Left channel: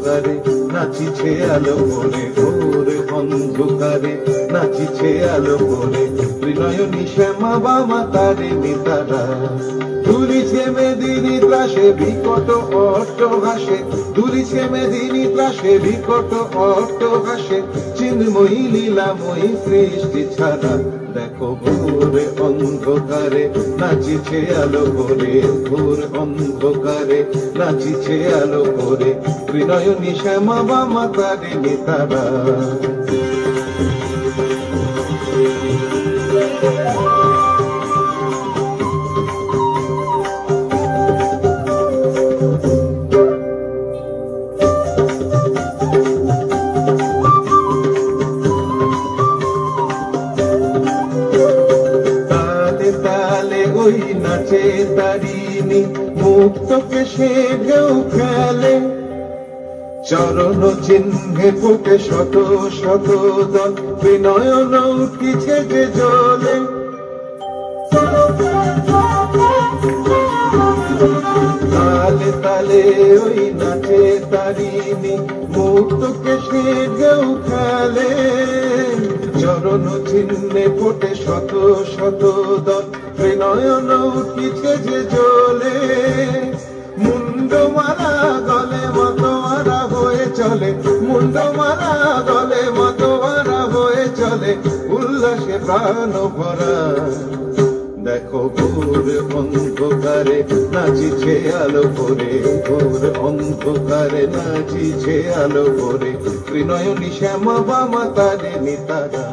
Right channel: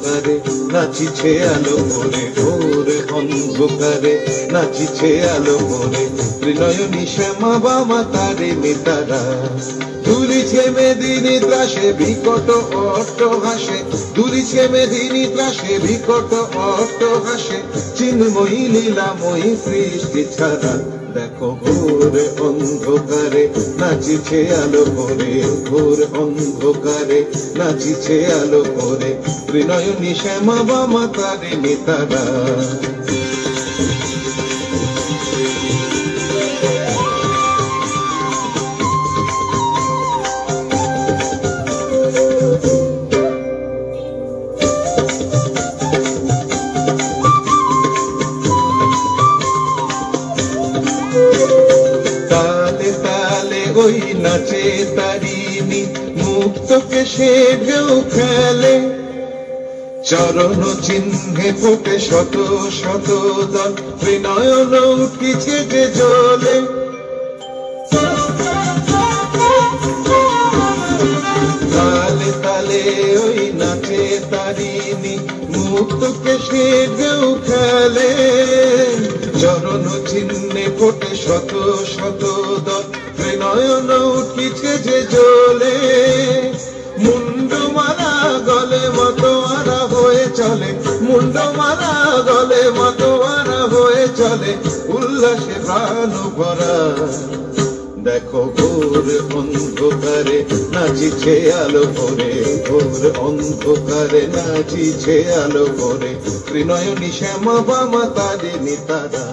অন্ধকারে নাচিছে আলো করে, ঘোর অন্ধকারে নাচিছে আলো করে, ত্রিনয়নী শ্যামা বামা তারে মিতারা। দুলিছে মেদিনী ত্রাসে বিকট অট্ট হাসে, দুলিছে মেদিনী ত্রাসে বিকট অট্ট হাসে, চিন্ময়ী লীলাময়ী সৃষ্টি ছাড়া। দেখো ঘোর অন্ধকারে নাচিছে আলো করে, ঘোর অন্ধকারে নাচিছে আলো করে, ত্রিনয়নী শ্যামা বামা তারে মিতারা। ওই নাচে তারিণী মুক্তকে সে ঢেউ খেলে, চরণ চিহ্নে ফোটে শত শত দল, ত্রিনয়ন উঠিছে যে জ্বলে। তালে তালে ওই নাচে তারিণী মুক্তকে সে ঢেউ খেলে, চরণ চিহ্নে ফোটে শত শত দল, ত্রিনয়ন উঠিছে যে জ্বলে। মুন্ড মারা গলে মতোয়ারা হয়ে চলে, মুন্ড মারা গলে মতোয়ারা হয়ে চলে, উল্লাসে প্রাণ ভরা। দেখো ঘোর অন্ধকারে নাচিছে আলো করে, ঘোর অন্ধকারে নাচিছে আলো করে, ত্রিনয়নী শ্যামা বামা তারে মিতারা।